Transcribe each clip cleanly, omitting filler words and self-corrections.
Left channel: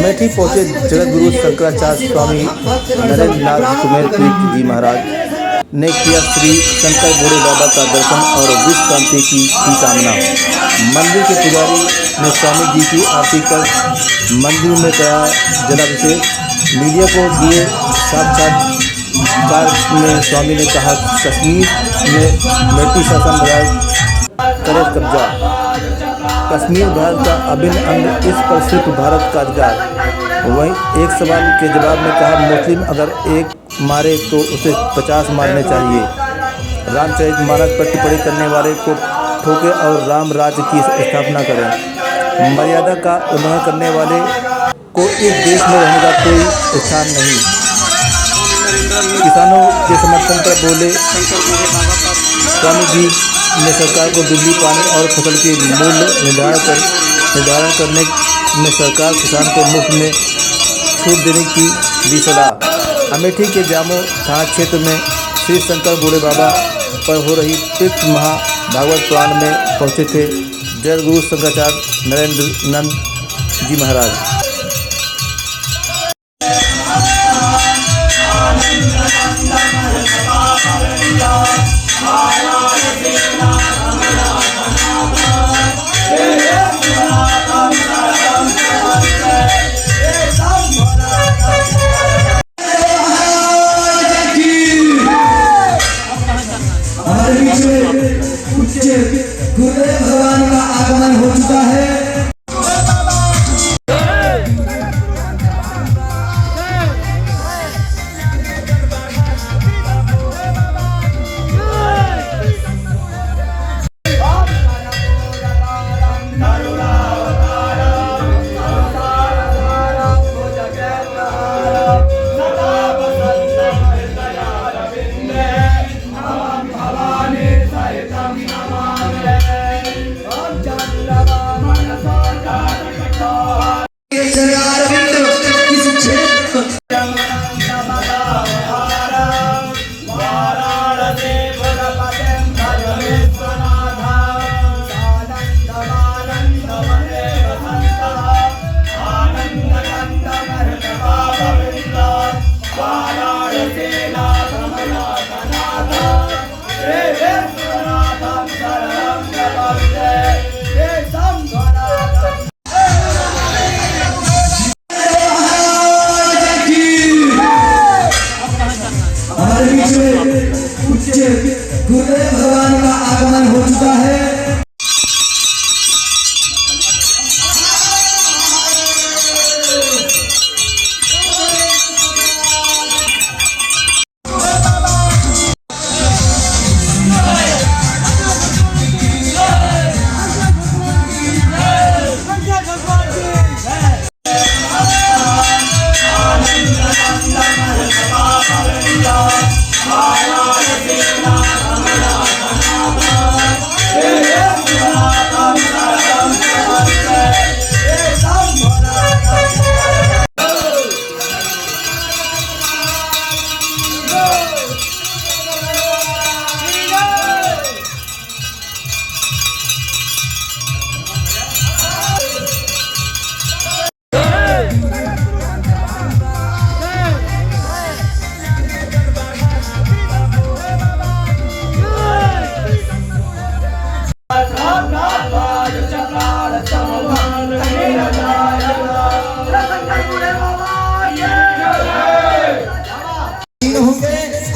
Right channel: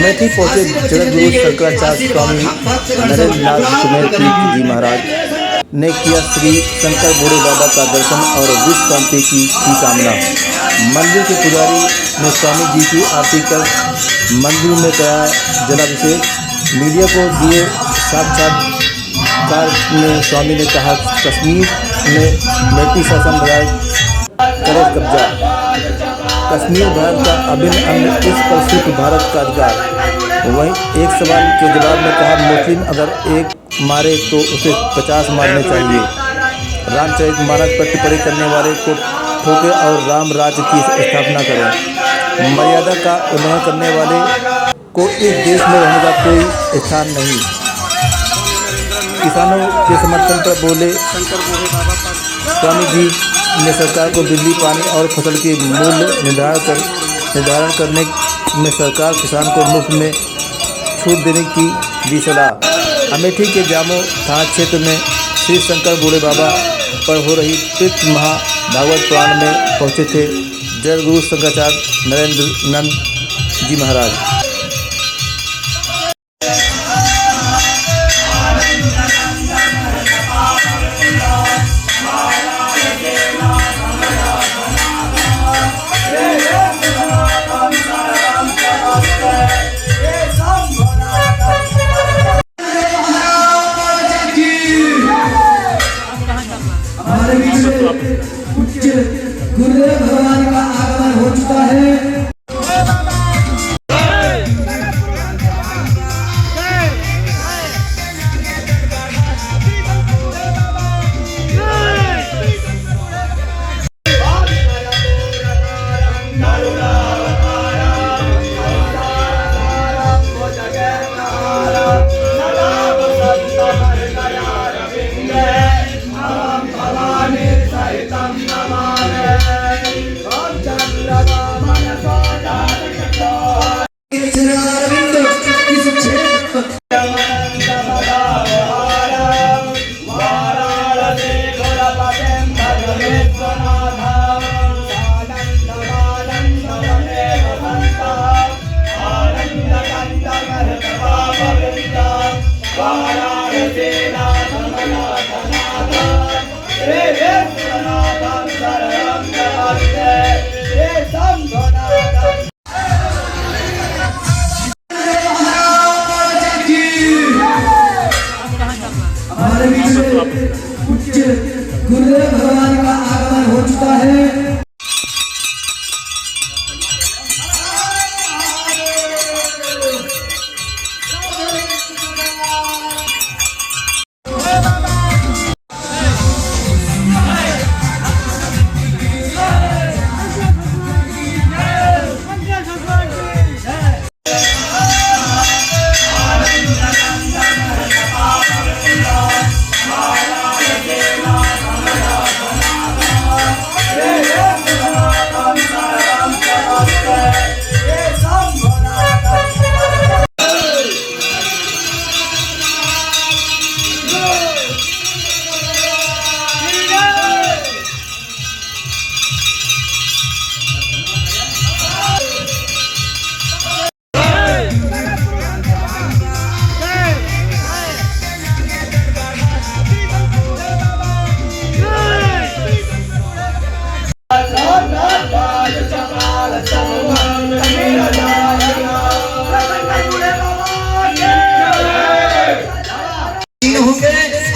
अमेठी पहुंचे जगतगुरु शंकराचार्य स्वामी नरेंद्र नाथ सुमेर तीर्थ जी महाराज ने किया श्री शंकर बूढ़े बाबा का दर्शन और विश्व शांति की कामना। मंदिर के पुजारी ने स्वामी जी की आरती कर मंदिर में कराया जलाभिषेक। मीडिया को दिए साक्षात्कार में स्वामी ने कहा, कश्मीर में ब्रिटिश शासन करे कब्जा, कश्मीर भारत का अभिन्न अंग, इस पर सिर्फ भारत का अधिकार। वहीं एक सवाल के जवाब में कहा, मुस्लिम अगर एक मारे तो उसे 50 मारने चाहिए। रामचरितमानस पर टिप्पणी करने वाले को ठोके और राम राज्य की स्थापना करें। मर्यादा का उल्लंघन करने वाले को इस देश में रहने का कोई स्थान नहीं। किसानों के समर्थन पर बोले स्वामी जी ने सरकार को बिजली, पानी और फसल के मूल्य निर्धारण करने में सरकार किसान को मुफ्त में छूट देने की दी सलाह। अमेठी के जामो थाना क्षेत्र में श्री शंकर बूढ़े बाबा पर हो रही तीर्थ महाभागवत पुराण में पहुंचे थे जगतगुरु शंकराचार्य नरेंद्र नंद जी महाराज। गुरुदेव भगवान का आगमन हो चुका है। गुरुदेव भगवान का आगमन हो चुका है।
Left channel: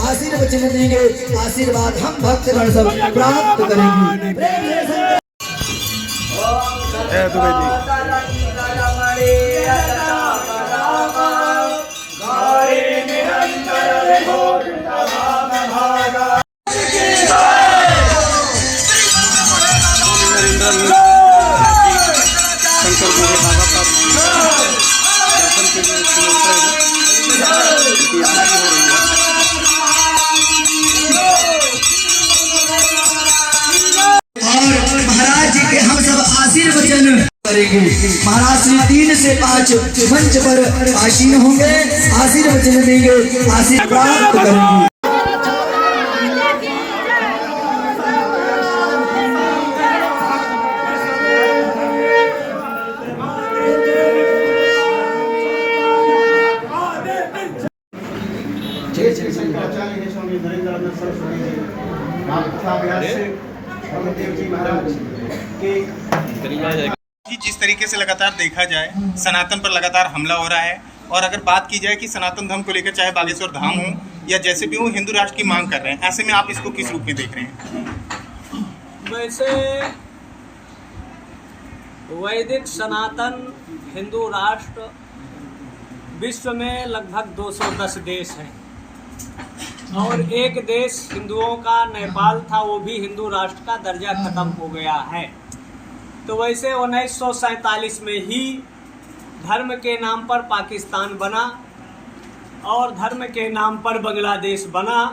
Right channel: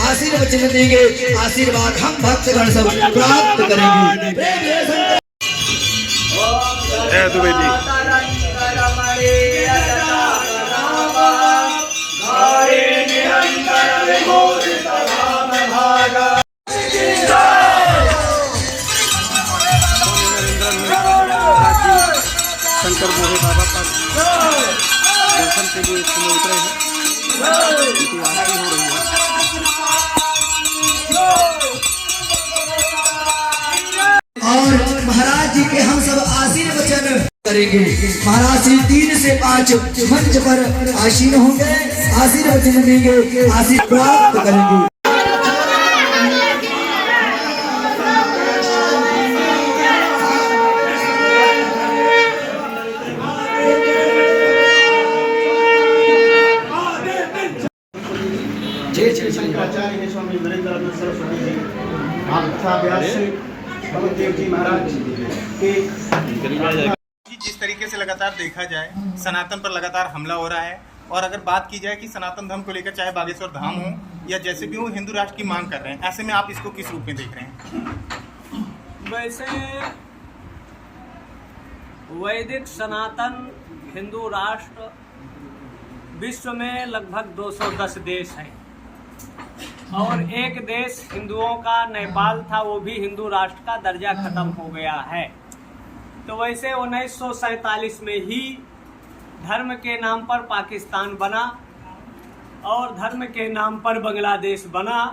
आशीर्वचन देंगे, आशीर्वाद हम भक्तगण सब प्राप्त करेंगे। शंकर बूढ़े बाबा का दर्शन के लिए इस समय उतरे हैं, उनकी यात्रा भी हो रही है। और महाराज जी के हम सब आशीर्वचन करेंगे। महाराज श्री 3 से 5 मंच पर आसीन होंगे, आशीर्वचन देंगे, आशीर्वाद प्राप्त करेंगे। श्री शंकराचार्य स्वामी नरेंद्रनाथ सरस्वती जी भागवताभ्यास से पवन देव जी महाराज के कि जिस तरीके से लगातार देखा जाए सनातन पर लगातार हमला हो रहा है, और अगर बात की जाए कि सनातन धर्म को लेकर चाहे बागेश्वर धाम हो या जैसे भी हो हिंदू राष्ट्र की मांग कर रहे हैं, ऐसे में आप इसको किस रूप में देख रहे हैं? वैसे वैदिक सनातन हिंदू राष्ट्र विश्व में लगभग 210 देश हैं और एक देश हिंदुओं का नेपाल था, वो भी हिंदू राष्ट्र का दर्जा खत्म हो गया है। तो वैसे 1947 में ही धर्म के नाम पर पाकिस्तान बना और धर्म के नाम पर बांग्लादेश बना,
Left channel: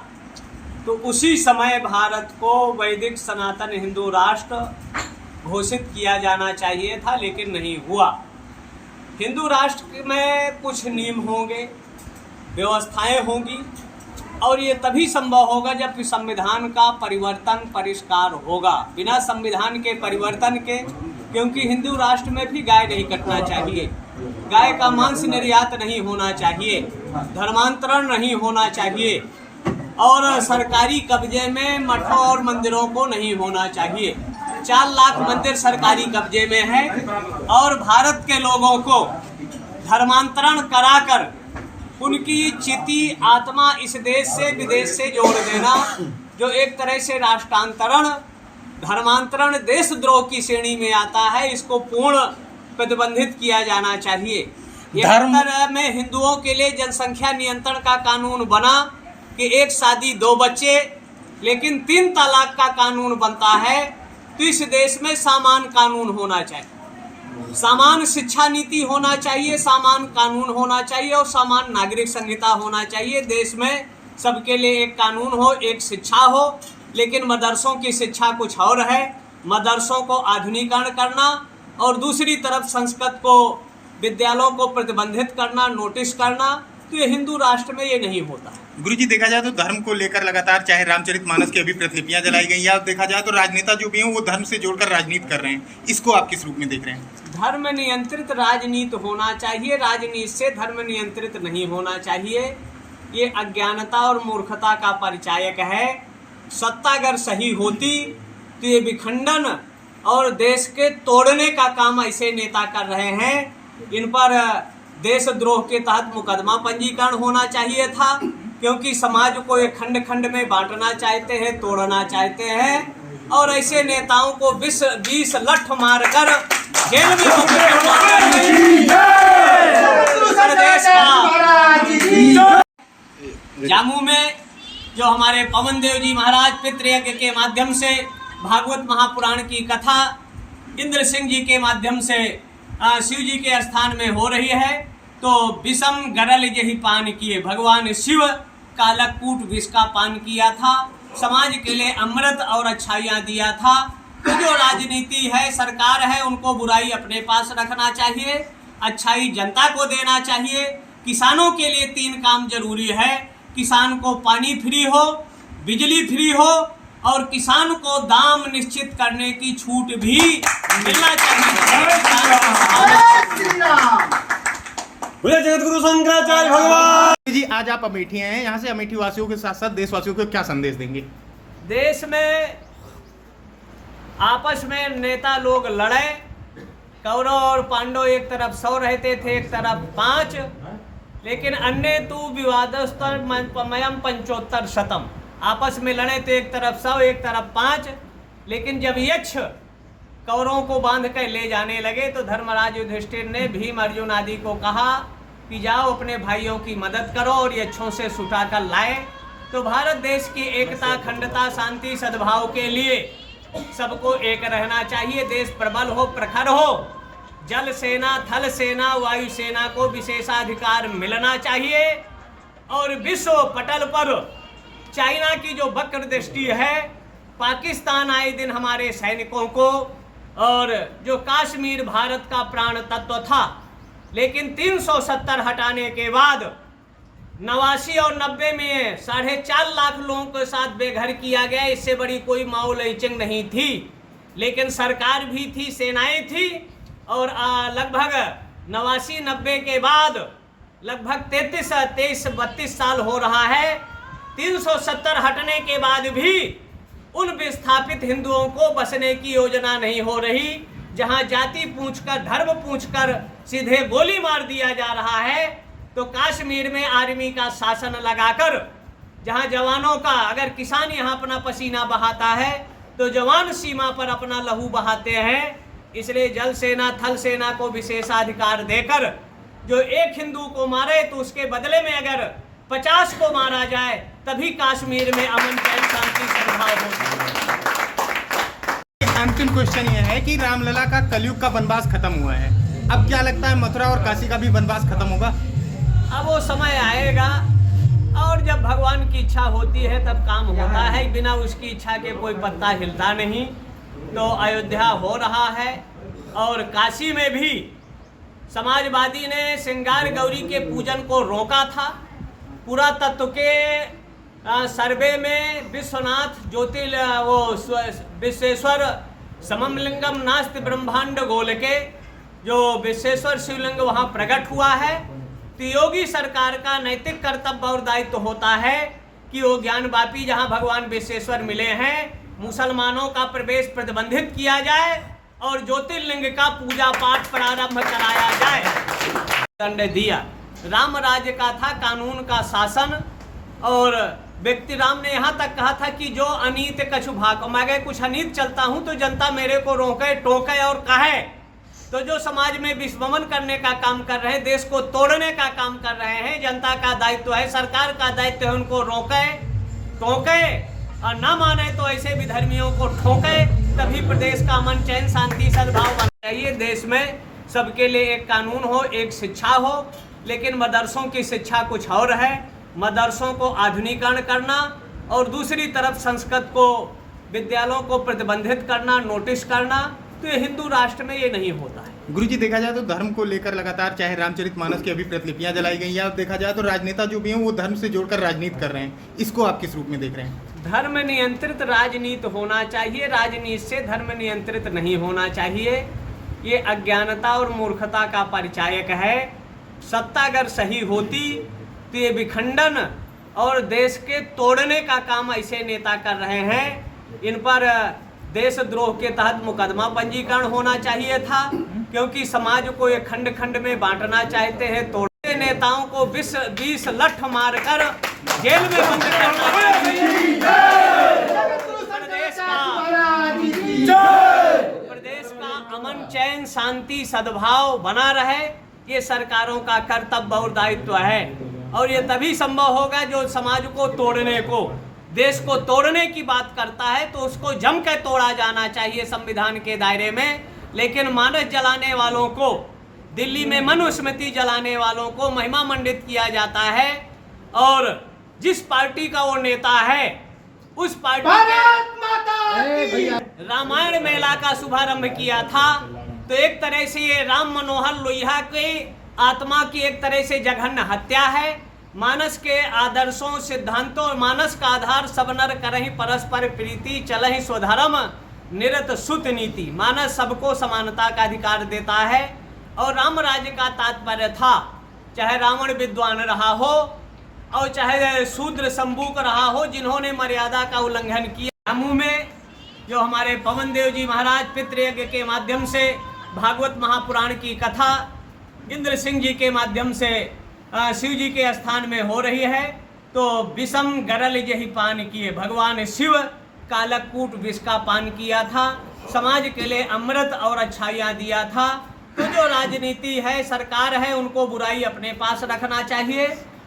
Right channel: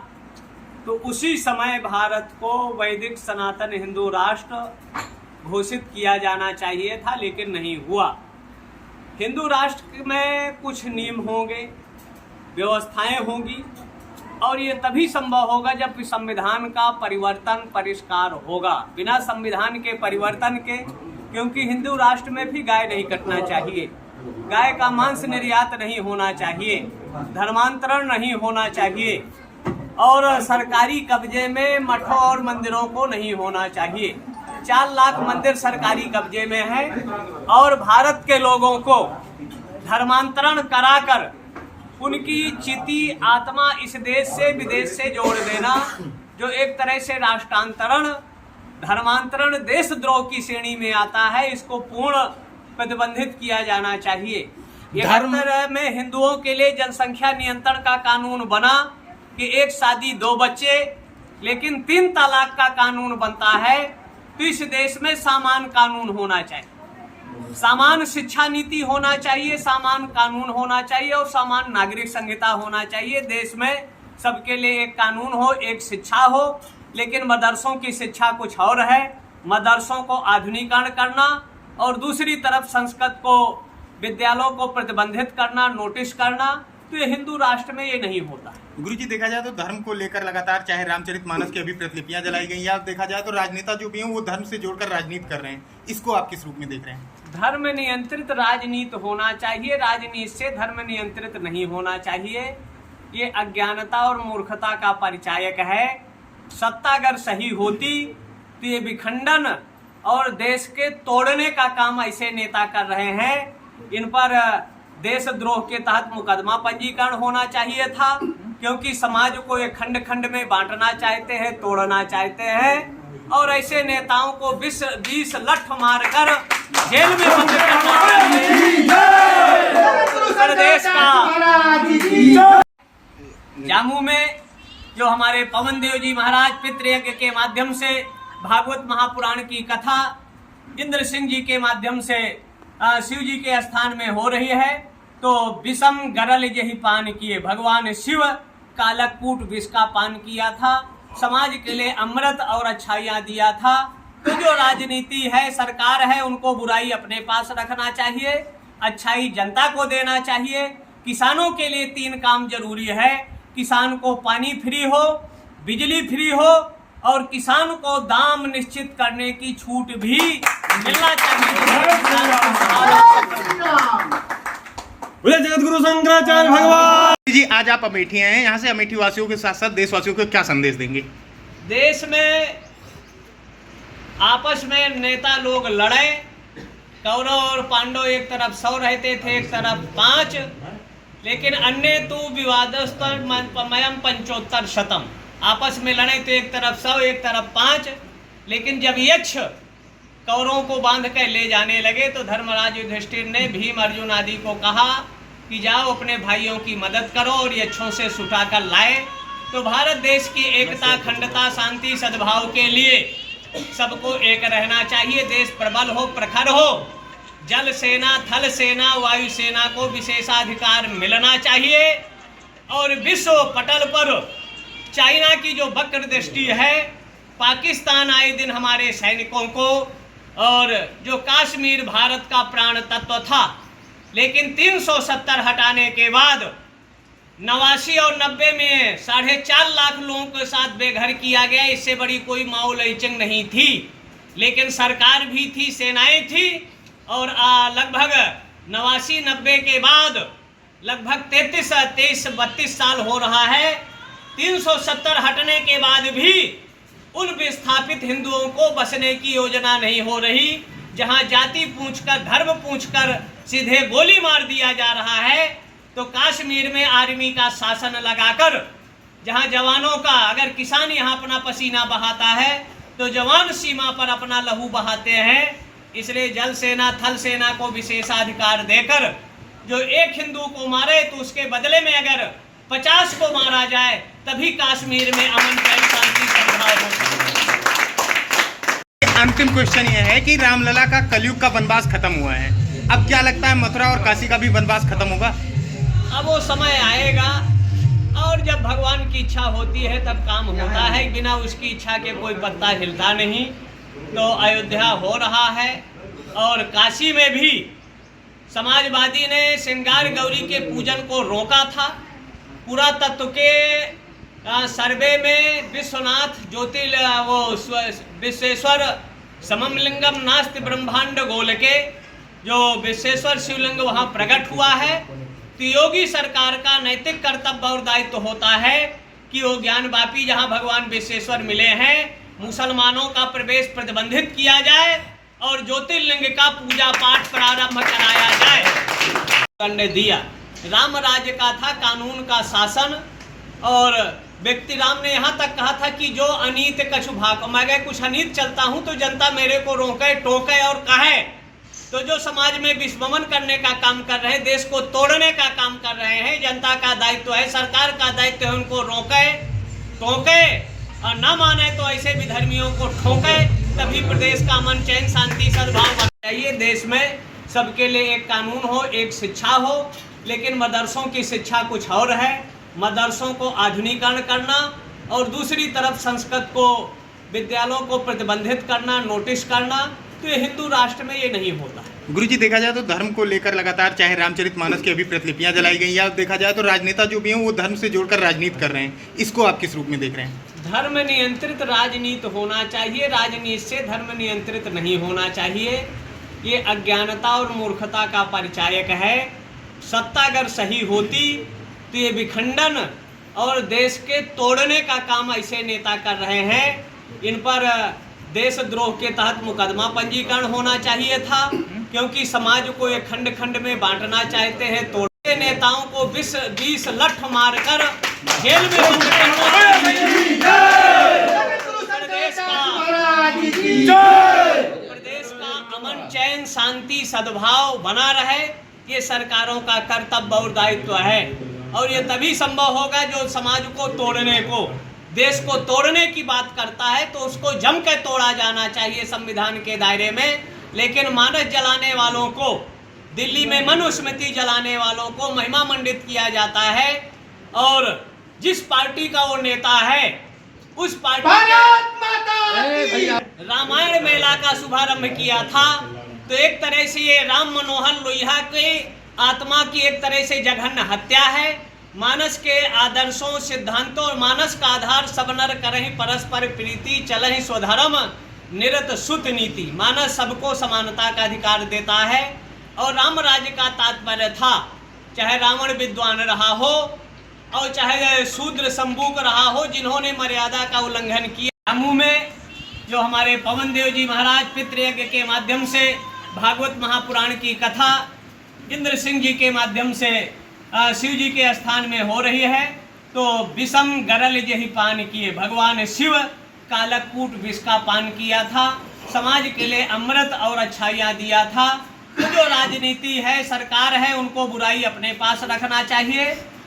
तो उसी समय भारत को वैदिक सनातन हिंदू राष्ट्र घोषित किया जाना चाहिए था, लेकिन नहीं हुआ। हिंदू राष्ट्र में कुछ नियम होंगे, व्यवस्थाएं होंगी और ये तभी संभव होगा जब संविधान का परिवर्तन परिष्कार होगा। बिना संविधान के परिवर्तन के, क्योंकि हिंदू राष्ट्र में भी गाय नहीं कटना चाहिए, गाय का मांस निर्यात नहीं होना चाहिए, धर्मांतरण नहीं होना चाहिए और सरकारी कब्जे में मठों और मंदिरों को नहीं होना चाहिए। 4 लाख मंदिर सरकारी कब्जे में है और भारत के लोगों को धर्मांतरण कराकर उनकी चिति आत्मा इस देश से विदेश से जोड़ देना, जो एक तरह से राष्ट्रांतरण धर्मांतरण देशद्रोह की श्रेणी में आता है, इसको पूर्ण प्रतिबंधित किया जाना चाहिए। धर्म में हिंदुओं के लिए जनसंख्या नियंत्रण का कानून बना कि 1 शादी 2 बच्चे, लेकिन 3 तलाक का कानून बनता है। तो इस देश में समान कानून होना चाहिए, समान शिक्षा नीति होना चाहिए, समान कानून होना चाहिए और समान नागरिक संहिता होना चाहिए। देश में सबके लिए एक कानून हो, एक शिक्षा हो, लेकिन मदरसों की शिक्षा कुछ और है। मदरसों को आधुनिकीकरण करना और दूसरी तरफ संस्कृत को विद्यालयों को प्रतिबंधित करना, नोटिस करना, तो ये हिंदू राष्ट्र में ये नहीं होता। गुरुजी, देखा जाए तो धर्म को लेकर लगातार चाहे रामचरितमानस की अभी प्रतिलिपियां जलाई गई या देखा जाए तो राजनेता जो भी हैं वो धर्म से जोड़कर राजनीति कर रहे हैं, इसको आप किस रूप में देख रहे हैं? धर्म नियंत्रित राजनीति होना चाहिए, राजनीति से धर्म नियंत्रित नहीं होना चाहिए। ये अज्ञानता और मूर्खता का परिचायक है। सत्ता अगर सही होती तो ये विखंडन और देश के तोड़ने का काम ऐसे नेता कर रहे हैं। इन पर देशद्रोह के तहत मुकदमा पंजीकरण होना चाहिए था, क्योंकि समाज को ये खंड खंड में बांटना चाहते हैं, तोड़ना चाहते हैं और ऐसे नेताओं को 20 लठ मारकर जेल में बंद करना चाहिए। प्रदेश का जामू में जो हमारे पवन देव जी महाराज पितृयज्ञ के माध्यम से भागवत महापुराण की कथा इंद्र सिंह जी के माध्यम से शिव जी के स्थान में हो रही है, तो विषम गरल यही पान किए, भगवान शिव कालकूट विष का पान किया था, समाज के लिए अमृत और अच्छाइयाँ दिया था। तो जो राजनीति है, सरकार है, उनको बुराई अपने पास रखना चाहिए, अच्छाई जनता को देना चाहिए। किसानों के लिए 3 काम जरूरी है, किसान को पानी फ्री हो, बिजली फ्री हो और किसान को दाम निश्चित करने की छूट भी मिलना चाहिए। जगतगुरु शंकराचार्य भगवान जी, आज आप अमेठी हैं, यहाँ से अमेठी वासियों के साथ साथ देशवासियों को क्या संदेश देंगे? देश में आपस में नेता लोग लड़े, कौरव और पांडव एक तरफ 100 रहते थे, एक तरफ 5, लेकिन अन्य तो विवादस्तमयम 75 शतम, आपस में लड़े तो एक तरफ 100 एक तरफ 5। लेकिन जब यक्ष कौरवों को बांध कर ले जाने लगे तो धर्मराज युधिष्ठिर ने भीम अर्जुन आदि को कहा कि जाओ अपने भाइयों की मदद करो और यक्षों से छुटा कर लाए। तो भारत देश की एकता, अखंडता, शांति, सद्भाव के लिए सबको एक रहना चाहिए। देश प्रबल हो, प्रखर हो, जल सेना, थल सेना, वायु सेना को विशेषाधिकार मिलना चाहिए और विश्व पटल पर चाइना की जो वक्र दृष्टि है, पाकिस्तान आए दिन हमारे सैनिकों को, और जो कश्मीर भारत का प्राण तत्व था, लेकिन 370 हटाने के बाद 89 और 90 में 4.5 लाख लोगों के साथ बेघर किया गया। इससे बड़ी कोई माओ लैचिंग नहीं थी, लेकिन सरकार भी थी, सेनाएं थी और लगभग 89-90 के बाद लगभग 32 साल हो रहा है 370 हटने के बाद भी उन विस्थापित हिंदुओं को बसने की योजना नहीं हो रही। जहां जाति पूछकर, धर्म पूछकर सीधे गोली मार दिया जा रहा है, तो कश्मीर में आर्मी का शासन लगाकर, जहां जवानों का, अगर किसान यहां अपना पसीना बहाता है तो जवान सीमा पर अपना लहू बहाते हैं। इसलिए जल सेना, थल सेना को विशेषाधिकार देकर जो एक हिंदू को मारे तो उसके बदले में अगर 50 को मारा जाए, तभी कश्मीर में अमन, शांति, सद्भाव हो सकता है। अंतिम क्वेश्चन ये है कि रामलला का कलयुग का वनवास खत्म हुआ है, अब क्या लगता है मथुरा और काशी का भी वनवास खत्म होगा? अब वो समय आएगा और जब भगवान की इच्छा होती है तब काम होता है। बिना उसकी इच्छा के कोई पत्ता हिलता नहीं। तो अयोध्या हो रहा है और काशी में भी समाजवादी ने श्रृंगार गौरी के पूजन को रोका था। पुरातत्व के सर्वे में विश्वनाथ विश्वेश्वर सममलिंगम नास्ति ब्रह्मांड गोल के जो विश्वेश्वर शिवलिंग वहाँ प्रकट हुआ है। तो योगी सरकार का नैतिक कर्तव्य और दायित्व होता है कि वो ज्ञानवापी जहाँ भगवान विश्वेश्वर मिले हैं, मुसलमानों का प्रवेश प्रतिबंधित किया जाए और ज्योतिर्लिंग का पूजा पाठ प्रारंभ कराया जाए। दंड दिया। राम राज्य का था कानून का शासन और व्यक्ति राम ने यहाँ तक कहा था कि जो अनीत कछु भाग, मैं अगर कुछ अनीत चलता हूँ तो जनता मेरे को रोके, टोके और कहे। तो जो समाज में विस्मरण करने का काम कर रहे हैं, देश को तोड़ने का काम कर रहे हैं, जनता का दायित्व है, सरकार का दायित्व है उनको रोके, टोके और न माने तो ऐसे विधर्मियों को ठोके। तभी प्रदेश का अमन, चैन, शांति, सद्भाव बनना चाहिए। देश में सबके लिए एक कानून हो, एक शिक्षा हो। लेकिन मदरसों की शिक्षा कुछ और है। मदरसों को आधुनिकीकरण करना और दूसरी तरफ संस्कृत को, विद्यालयों को प्रतिबंधित करना, नोटिस करना, तो ये हिंदू राष्ट्र में ये नहीं होता है। गुरुजी, देखा जाए तो धर्म को लेकर लगातार चाहे रामचरितमानस की अभी प्रतिलिपियां जलाई गई, या देखा जाए तो राजनेता जो भी हैं वो धर्म से जोड़कर राजनीति कर रहे हैं, इसको आप किस रूप में देख रहे हैं? धर्म नियंत्रित राजनीति होना चाहिए, राजनीति से धर्म नियंत्रित नहीं होना चाहिए। ये अज्ञानता और मूर्खता का परिचायक है। सत्ता अगर सही होती तो ये विखंडन और देश के तोड़ने का काम ऐसे नेता कर रहे हैं। इन पर देशद्रोह के तहत मुकदमा पंजीकरण होना चाहिए था, क्योंकि समाज को ये खंड खंड में बांटना चाहते हैं। तोड़ने नेताओं को 20 लठ मारकर जेल में बंद प्रदेश का अमन, चैन, शांति, सद्भाव बना रहे, ये सरकारों का कर्तव्य और दायित्व है। और ये तभी संभव होगा जो समाज को तोड़ने को, देश को तोड़ने की बात करता है तो उसको जम के तोड़ा जाना चाहिए संविधान के दायरे में। लेकिन मानस जलाने वालों को, दिल्ली में मनुस्मृति जलाने वालों को महिमा मंडित किया जाता है। और जिस पार्टी का वो नेता है उस पार्टी रामायण मेला का शुभारंभ किया था। तो एक तरह से ये राम मनोहर लोहिया के आत्मा की एक तरह से जघन्य हत्या है। मानस के आदर्शों, सिद्धांतों और मानस का आधार सब नर करहि परस्पर प्रीति, चलहि स्वधर्म निरत सुत नीति। मानस सबको समानता का अधिकार देता है और राम राज्य का तात्पर्य था, चाहे रावण विद्वान रहा हो और चाहे शूद्र संबूक रहा हो, जिन्होंने मर्यादा का उल्लंघन किया। जम्मू में जो हमारे पवन देव जी महाराज पितृयज्ञ के माध्यम से भागवत महापुराण की कथा इंद्र सिंह जी के माध्यम से शिव जी के स्थान में हो रही है। तो विषम गरल जही पान किए, भगवान शिव कालकूट विष का पान किया था, समाज के लिए अमृत और अच्छाइयाँ दिया था। तो जो राजनीति है, सरकार है, उनको बुराई अपने पास रखना चाहिए,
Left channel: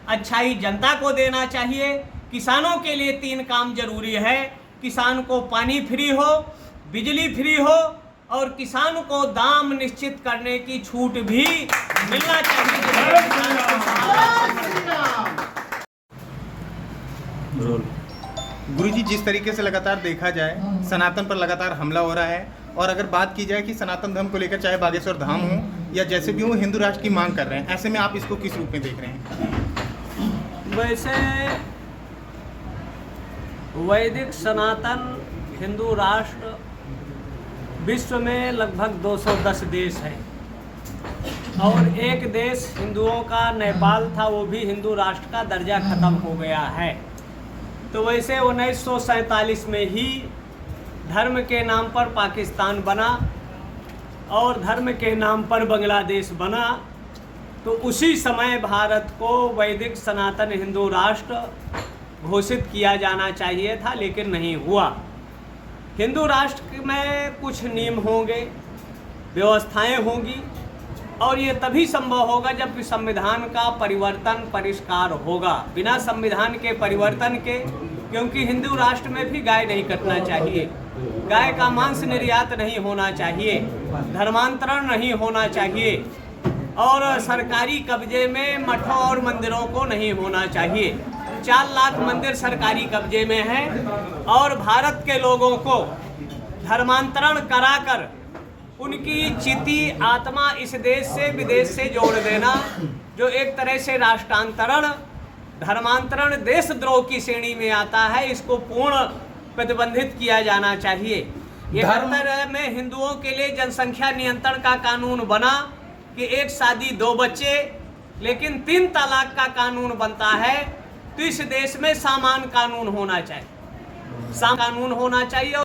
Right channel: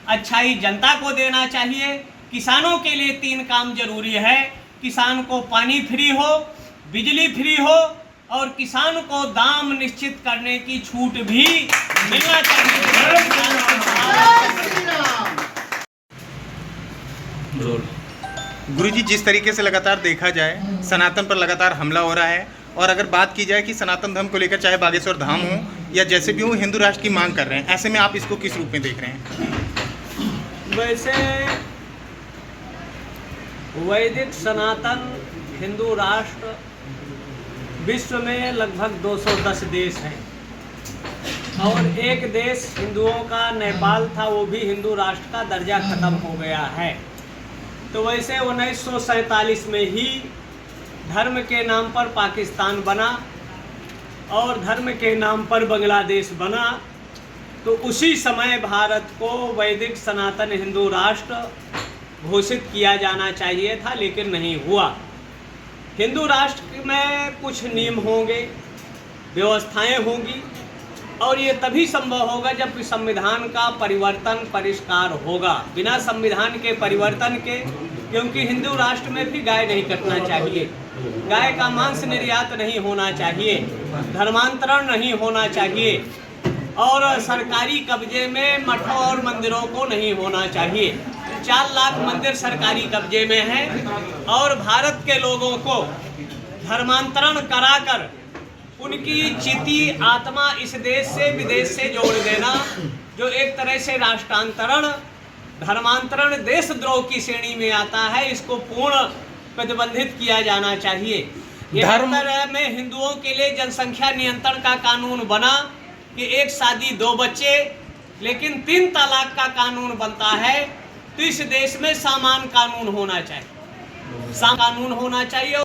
अच्छाई जनता को देना चाहिए। किसानों के लिए 3 काम जरूरी है। किसान को पानी फ्री हो, बिजली फ्री हो और किसान को दाम निश्चित करने की छूट भी मिलना चाहिए। गुरुजी, जिस तरीके से लगातार देखा जाए सनातन पर लगातार हमला हो रहा है, और अगर बात की जाए कि सनातन धर्म को लेकर चाहे बागेश्वर धाम हो या जैसे भी हो हिंदू राष्ट्र की मांग कर रहे हैं, ऐसे में आप इसको किस रूप में देख रहे हैं? वैसे वैदिक सनातन हिंदू राष्ट्र विश्व में लगभग 210 देश हैं और एक देश हिंदुओं का नेपाल था, वो भी हिंदू राष्ट्र का दर्जा खत्म हो गया है। तो वैसे 1947 में ही धर्म के नाम पर पाकिस्तान बना और धर्म के नाम पर बांग्लादेश बना। तो उसी समय भारत को वैदिक सनातन हिंदू राष्ट्र घोषित किया जाना चाहिए था, लेकिन नहीं हुआ। हिंदू राष्ट्र में कुछ नियम होंगे, व्यवस्थाएं होंगी, और ये तभी संभव होगा जब संविधान का परिवर्तन परिष्कार होगा। बिना संविधान के परिवर्तन के, क्योंकि हिंदू राष्ट्र में भी गाय नहीं कटना चाहिए, गाय का मांस निर्यात नहीं होना चाहिए, धर्मांतरण नहीं होना चाहिए, और सरकारी कब्जे में मठों और मंदिरों को नहीं होना चाहिए। 4 लाख मंदिर सरकारी कब्जे में हैं, और भारत के लोगों को धर्मांतरण कराकर उनकी चिति आत्मा इस देश से विदेश से जोड़ देना, जो एक तरह से राष्ट्रांतरण, धर्मांतरण, देशद्रोह की श्रेणी में आता है, इसको पूर्ण प्रतिबंधित किया जाना चाहिए। ये धर्म में हिंदुओं के लिए जनसंख्या नियंत्रण का कानून बना कि 1 शादी 2 बच्चे, लेकिन 3 तलाक का कानून बनता है। तो इस देश में सामान कानून होना चाहिए, कानून होना चाहिए।